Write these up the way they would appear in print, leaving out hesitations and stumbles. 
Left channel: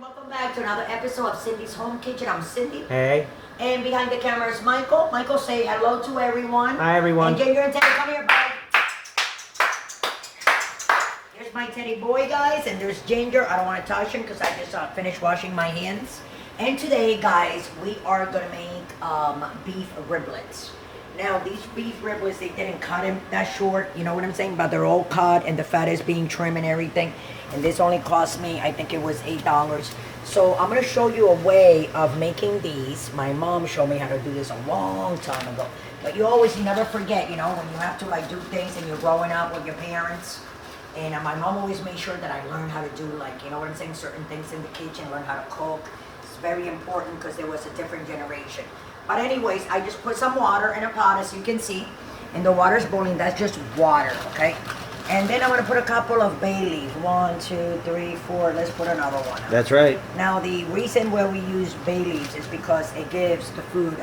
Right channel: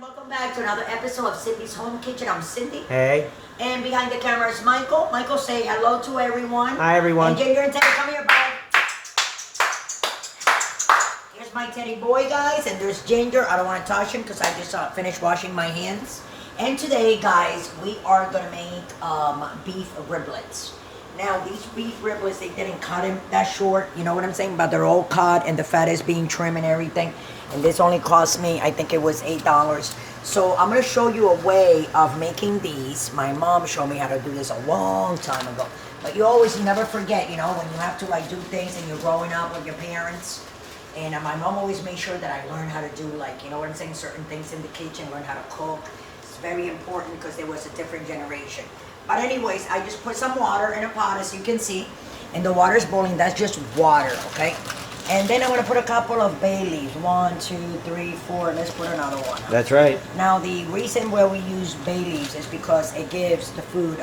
Welcome back to another episode of Cindy's Home Kitchen. I'm Cindy. Hey. And behind the camera is Michael. Michael, say hello to everyone. Hi, everyone. And Ginger and Teddy, come here, bud. Here's my teddy boy, guys. And there's Ginger. I don't want to touch him because I just finished washing my hands. And today, guys, we are going to make beef riblets. Now, these beef riblets, they didn't cut them that short. You know what I'm saying? But they're all cut and the fat is being trimmed and everything. And this only cost me, I think it was $8. So I'm going to show you a way of making these. My mom showed me how to do this a long time ago. But you always never forget, you know, when you have to like do things and you're growing up with your parents. And my mom always made sure that I learned how to do, like, you know what I'm saying, certain things in the kitchen, learn how to cook. It's very important because there was a different generation. But anyways, I just put some water in a pot, as you can see. And the water's boiling. That's just water, okay? And then I'm going to put a couple of bay leaves. 1, 2, 3, 4. Let's put another one. That's right. Now, the reason why we use bay leaves is because it gives the food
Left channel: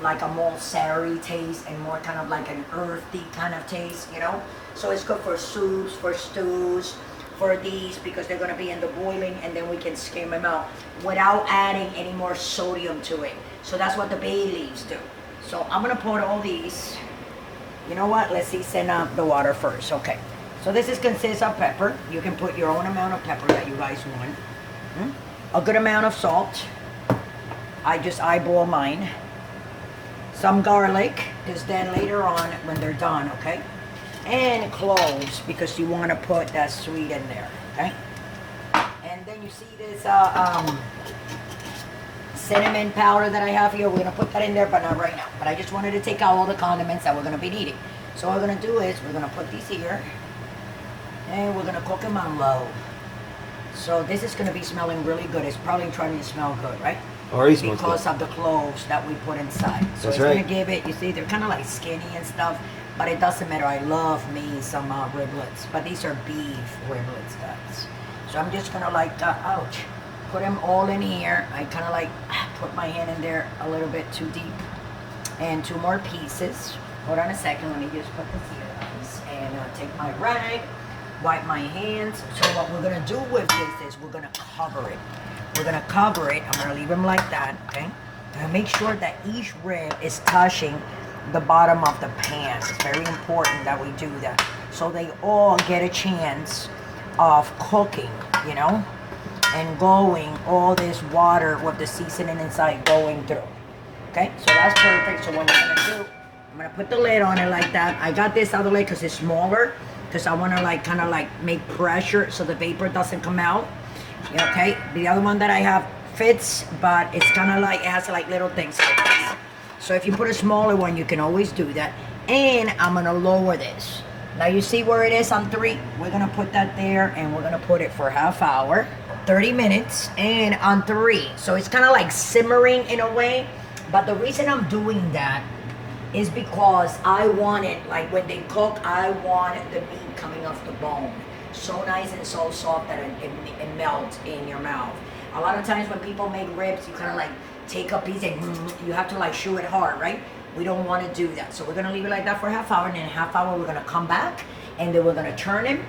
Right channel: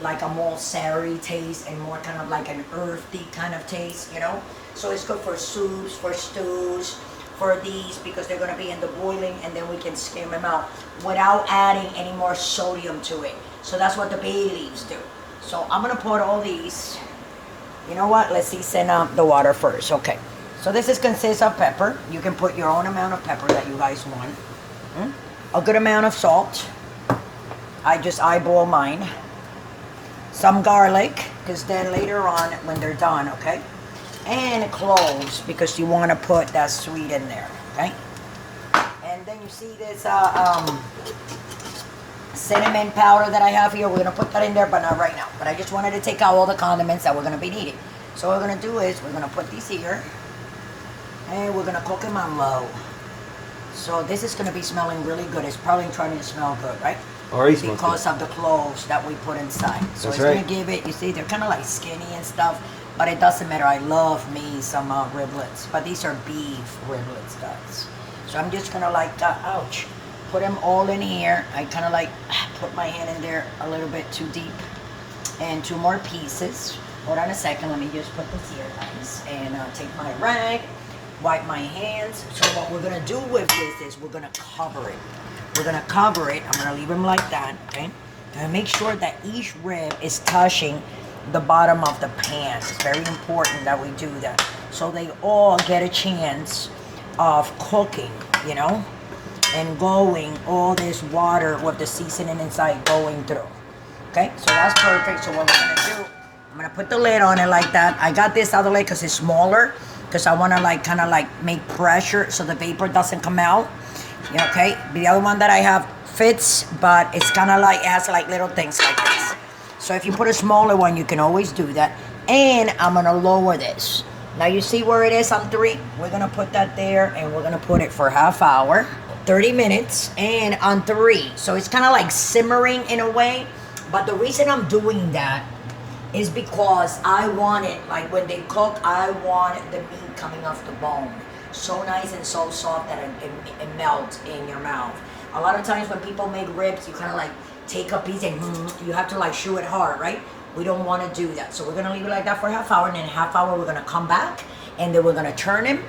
like a more savory taste and more kind of like an earthy kind of taste, you know? So it's good for soups, for stews, for these, because they're going to be in the boiling, and then we can skim them out without adding any more sodium to it. So that's what the bay leaves do. So I'm going to put all these. You know what? Let's season up the water first. Okay. So this consists of pepper. You can put your own amount of pepper that you guys want. A good amount of salt. I just eyeball mine. Some garlic, because then later on when they're done, okay? And cloves, because you want to put that sweet in there, okay? And then you see this cinnamon powder that I have here. We're going to put that in there, but not right now. But I just wanted to take out all the condiments that we're going to be needing. So what we're going to do is we're going to put these here. And we're going to cook them on low. So this is going to be smelling really good. It's probably trying to smell good, right? Because of the cloves that we put inside. So it's going to give it, you see, they're kind of like skinny and stuff. But it doesn't matter. I love me some riblets. But these are beef riblets, guys. So I'm just going to like, ouch. Put them all in here. I kind of like put my hand in there a little bit too deep. And 2 more pieces. Hold on a second. Let me just put this here, guys. And take my rag, wipe my hands. So what we're going to do with this is we're going to cover it. We're going to cover it. I'm going to leave them like that, okay? And make sure that each rib is touching the bottom of the pan. It's very important that we do that. So they all get a chance of cooking, you know? And going all this water with the seasoning inside going through. Okay, so that's perfect. So what we're gonna do, I'm gonna put the lid on it like that. I got this other lid because it's smaller, because I wanna like kind of like make pressure so the vapor doesn't come out. Okay, the other one that I have fits, but it's kind of like, it has like little things like this. So if you put a smaller one, you can always do that. And I'm gonna lower this. Now you see where it is on 3? We're gonna put that there, and we're gonna put it for half hour. 30 minutes and on 3. So it's kind of like simmering in a way. But the reason I'm doing that is because I want it, like when they cook, I want the meat coming off the bone. So nice and so soft that it melts in your mouth. A lot of times when people make ribs, you kind of like take a piece and you have to like chew it hard, right? We don't want to do that. So we're going to leave it like that for a half hour. And in a half hour, we're going to come back and then we're going to turn them.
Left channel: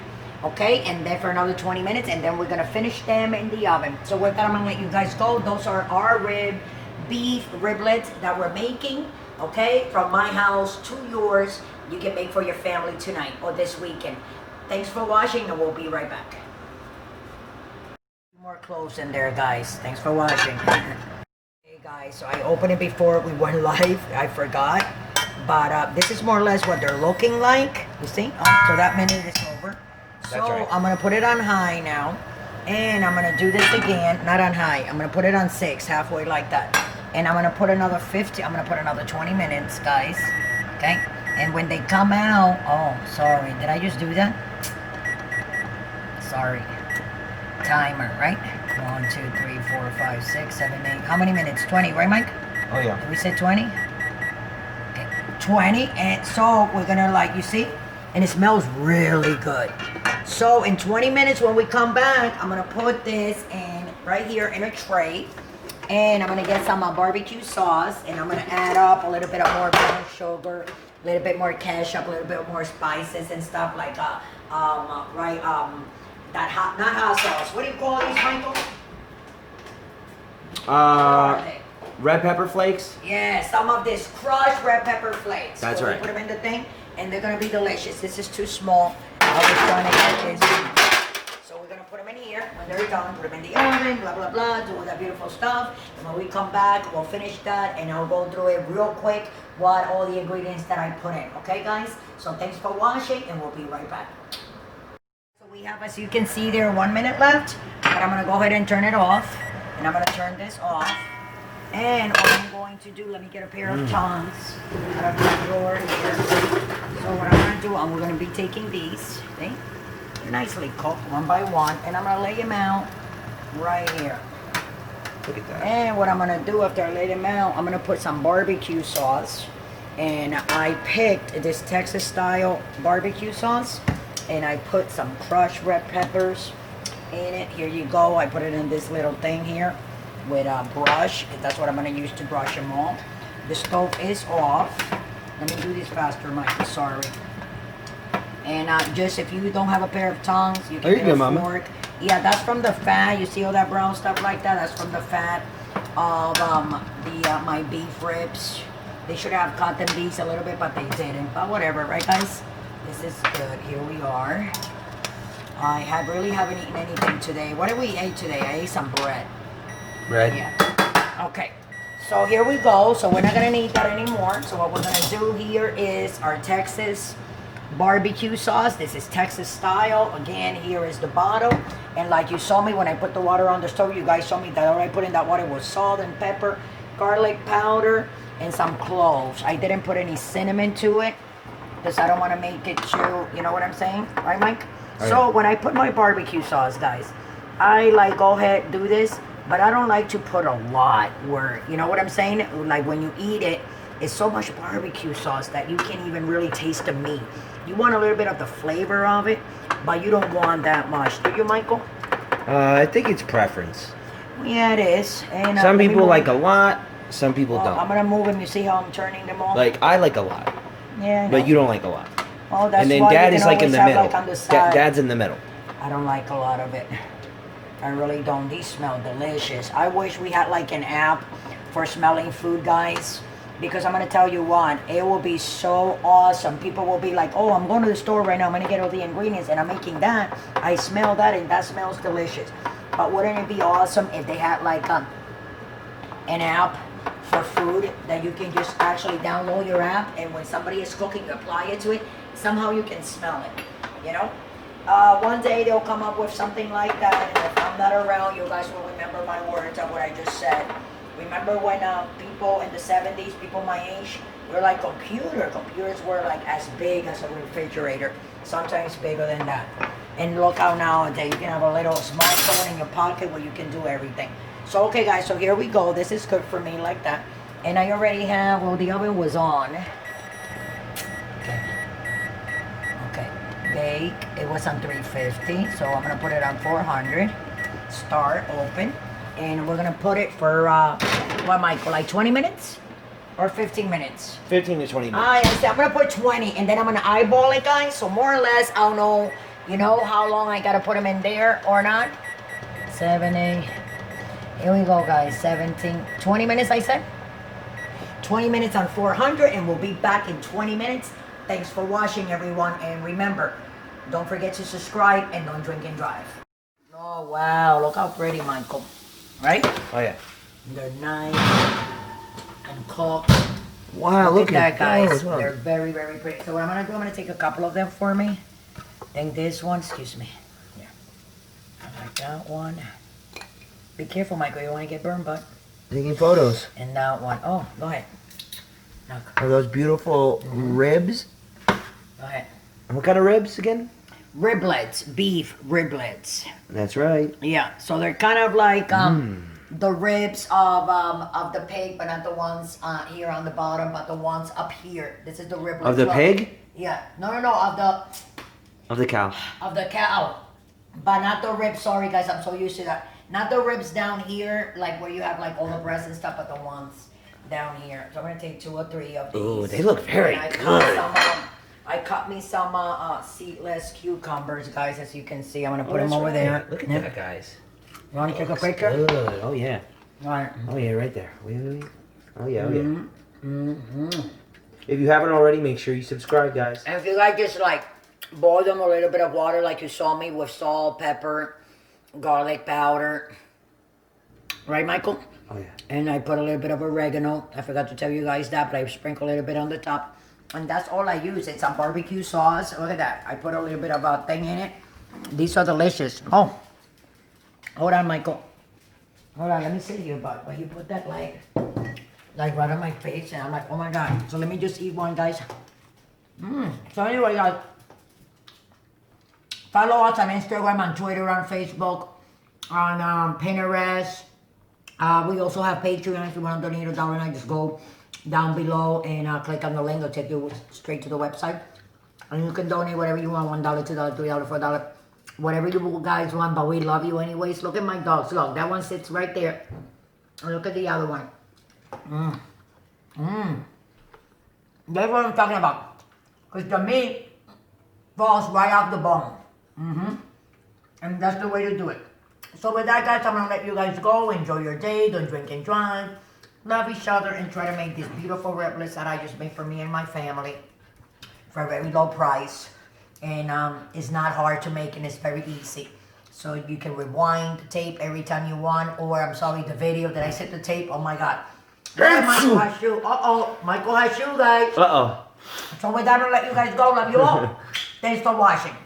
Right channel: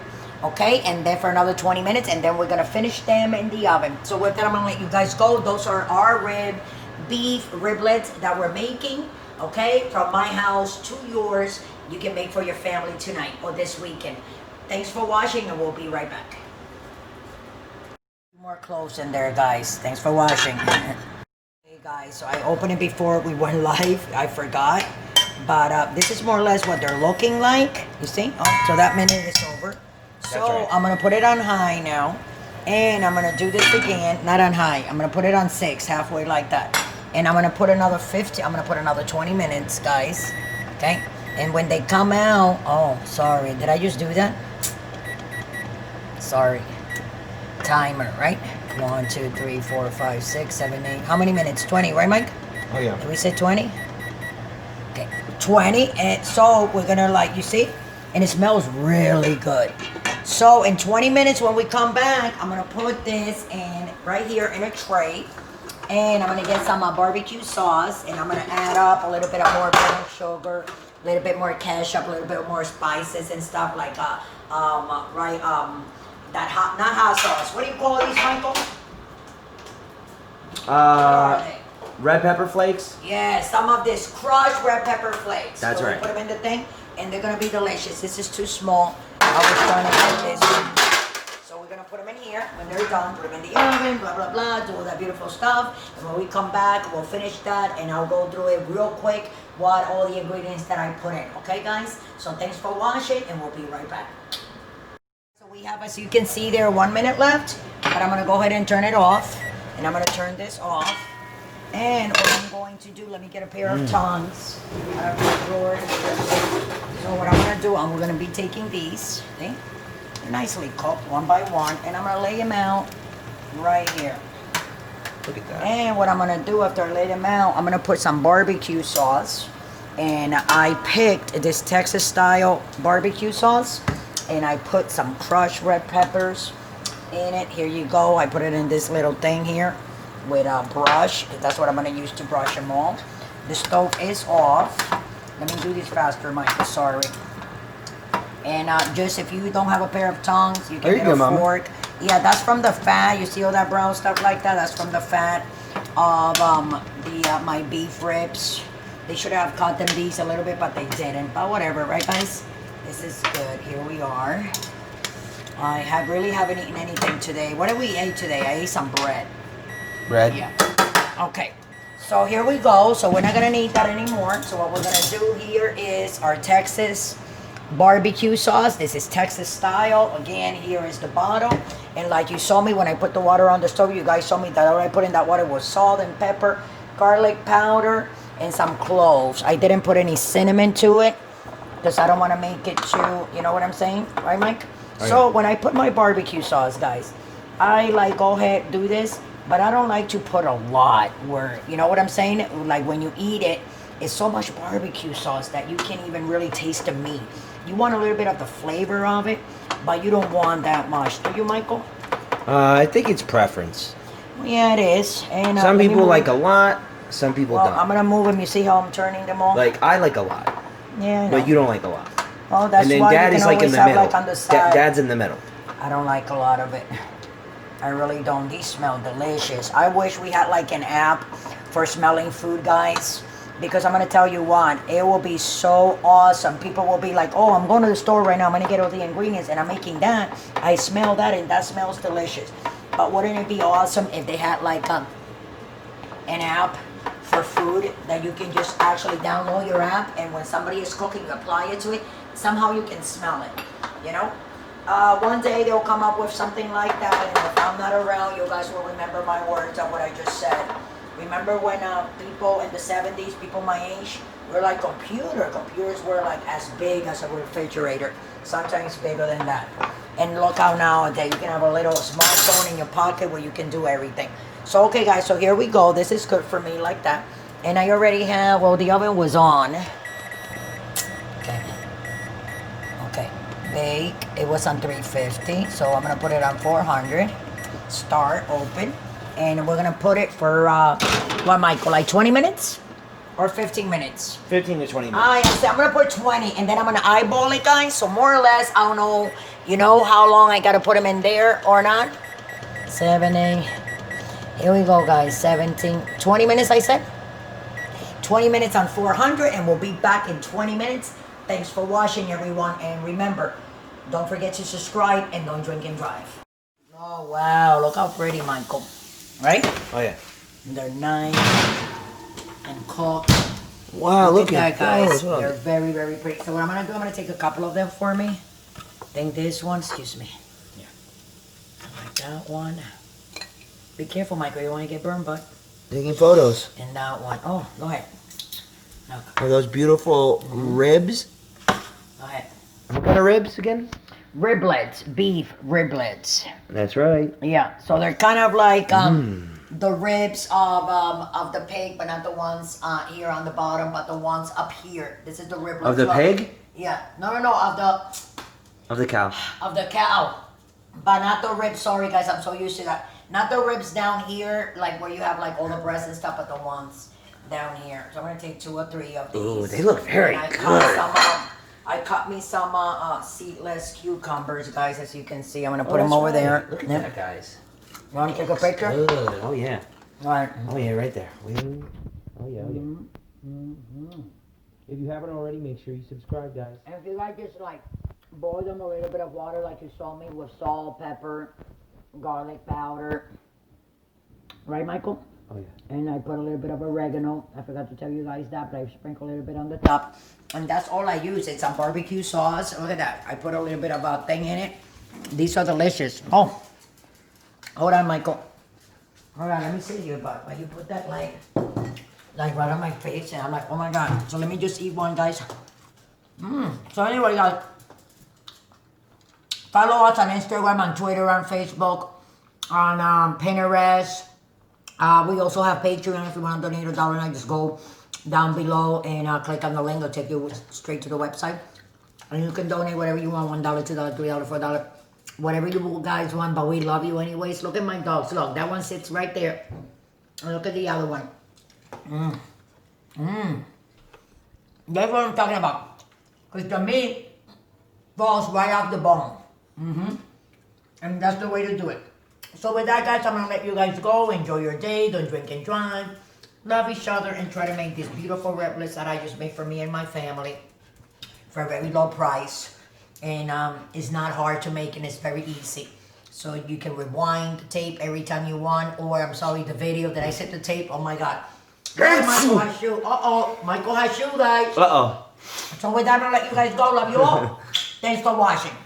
Okay, and then for another 20 minutes, and then we're gonna finish them in the oven. So with that, I'm gonna let you guys go. Those are our beef riblets that we're making, okay, from my house to yours. You can make for your family tonight or this weekend. Thanks for watching, and we'll be right back. More cloves in there, guys. Thanks for watching. Hey guys, so I opened it before we went live. I forgot, but this is more or less what they're looking like. You see? Oh, so that minute is over. So right. I'm going to put it on high now, and I'm going to do this again, not on high. I'm going to put it on 6, halfway like that. And I'm going to put another 50, I'm going to put another 20 minutes, guys. Okay? And when they come out, oh, sorry. Did I just do that? Sorry. Timer, right? 1, 2, 3, 4, 5, 6, 7, 8. How many minutes? 20, right, Mike? Oh, yeah. Did we say 20? Okay. 20. And so we're going to, like, you see? And it smells really good. So in 20 minutes when we come back, I'm going to put this in right here in a tray. And I'm going to get some barbecue sauce. And I'm going to add up a little bit of more brown sugar, a little bit more ketchup, a little bit more spices and stuff like that not hot sauce. What do you call these, Michael? Red pepper flakes? Yeah, some of this crushed red pepper flakes. That's right. Put them in the thing, and they're gonna be delicious. This is too small. I was trying to get this. So we're gonna put them in here. When they're done, put them in the oven, blah, blah, blah, do all that beautiful stuff. And when we come back, we'll finish that, and I'll go through it real quick, what all the ingredients that I put in. Okay, guys? So thanks for watching, and we'll be right back. So we have, as you can see there, 1 minute left, but I'm gonna go ahead and turn it off. And I'm gonna turn this off. And what I'm going to do, let me get a pair of tongs out of my drawer here. So what I'm going to do, I'm going to be taking these, see? They're nicely cooked one by one, and I'm going to lay them out right here. Look at that. And what I'm going to do after I lay them out, I'm going to put some barbecue sauce. And I picked this Texas style barbecue sauce, and I put some crushed red peppers in it. Here you go. I put it in this little thing here with a brush. That's what I'm going to use to brush them all. The stove is off. Let me do this faster, Michael. Sorry. And just if you don't have a pair of tongs, you can get a fork. Yeah, that's from the fat. You see all that brown stuff like that? That's from the fat of my beef ribs. They should have cut them these a little bit, but they didn't. But whatever, right, guys? This is good. Here we are. I really haven't eaten anything today. What did we eat today? I ate some bread. Bread? Yeah. Okay. So here we go. So we're not going to need that anymore. So what we're going to do here is our Texas barbecue sauce. This is Texas style. Again, here is the bottle. And like you saw me when I put the water on the stove, you guys saw me that all I put in that water was salt and pepper, garlic powder, and some cloves. I didn't put any cinnamon to it because I don't want to make it too, you know what I'm saying? Right, Mike? Oh, so yeah. When I put my barbecue sauce, guys, I like go ahead, do this. But I don't like to put a lot where, you know what I'm saying? Like when you eat it, it's so much barbecue sauce that you can't even really taste the meat. You want a little bit of the flavor of it, but you don't want that much. Do you, Michael? I think it's preference. Yeah, it is. And some people like a lot, some people don't. I'm going to move them. You see how I'm turning them all? Like, I like a lot. Yeah, I know. But you don't like a lot. Well, that's and then why Dad you is can like in the have, middle. Like, on the side. Dad's in the middle. I don't like a lot of it. I really don't. These smell delicious. I wish we had like an app for smelling food, guys. Because I'm going to tell you what, it will be so awesome. People will be like, oh, I'm going to the store right now. I'm going to get all the ingredients and I'm making that. I smell that and that smells delicious. But wouldn't it be awesome if they had like an app for food that you can just actually download your app and when somebody is cooking, you apply it to it. Somehow you can smell it, you know? One day they'll come up with something like that, and if I'm not around, you guys will remember my words and what I just said. Remember when people in the 70s, people my age, were like computers were like as big as a refrigerator, sometimes bigger than that. And look how nowadays you can have a little smartphone in your pocket where you can do everything. So okay guys, so here we go. This is good for me like that. And I already have, well, the oven was on. Bake. It was on 350, so I'm gonna put it on 400. Start, open, and we're gonna put it for what, Michael? Like 20 minutes or 15 minutes? 15 to 20 minutes. I'm gonna put 20, and then I'm gonna eyeball it, guys. So more or less, I don't know, you know, how long I gotta put them in there or not. 7, 8. Here we go, guys. 17, 20 minutes. I said 20 minutes on 400, and we'll be back in 20 minutes. Thanks for watching, everyone, and remember, don't forget to subscribe and don't drink and drive. Oh, wow, look how pretty, Michael. Right? Oh, yeah. They're nice and cooked. Wow, look at that, guys. those. They're very, very pretty. So what I'm going to do, I'm going to take a couple of them for me. I think this one, excuse me. Yeah. I like that one. Be careful, Michael, you don't want to get burned, but. Taking photos. And that one. Oh, go ahead. Look. Are those beautiful ribs? Go ahead. What kind of ribs again? Riblets, beef riblets. That's right. Yeah, so they're kind of like the ribs of the pig, but not the ones here on the bottom, but the ones up here. This is the riblet. Of the pig? Yeah. No, of the cow. Of the cow. But not the ribs. Sorry, guys, I'm so used to that. Not the ribs down here, like where you have like all the breasts and stuff, but the ones down here. So I'm gonna take 2 or 3 of these. Ooh, they look very good. I cut me some seedless cucumbers, guys, as you can see. I'm gonna put them over there. Look at that, guys. You want to take a picture? Good. Oh yeah. Right. Oh yeah, right there. Wait, wait, wait. Oh yeah, oh yeah. Mm-hmm. If you haven't already, make sure you subscribe, guys. And if you like, just like boil them a little bit of water, like you saw me, with salt, pepper, garlic powder. Right, Michael? Oh yeah. And I put a little bit of oregano. I forgot to tell you guys that, but I sprinkle a little bit on the top. And that's all I use. It's a barbecue sauce. Look at that. I put a little bit of a thing in it. These are delicious. Oh, hold on, Michael. Hold on, let me see here, bud. But you put that like right on my face, and I'm like, oh my God. So let me just eat one, guys. So anyway, guys, follow us on Instagram, on Twitter, on Facebook, on Pinterest. We also have Patreon. If you want to donate $1, just go down below and click on the link. It'll take you straight to the website. And you can donate whatever you want, $1, $2, $3, $4, whatever you guys want, but we love you anyways. Look at my dogs. Look, that one sits right there. And look at the other one. That's what I'm talking about. Because the meat falls right off the bone. And that's the way to do it. So with that, guys, I'm going to let you guys go. Enjoy your day. Don't drink and drive. Love each other and try to make these beautiful riblets that I just made for me and my family for a very low price. And it's not hard to make, and it's very easy. So you can rewind the tape every time you want, or I'm sorry, the video that I set the tape. Oh my God. Michael has shoe. Uh-oh. Michael has shoe, guys. Uh-oh. So with that, I'm going to let you guys go. Love you all. Thanks for watching.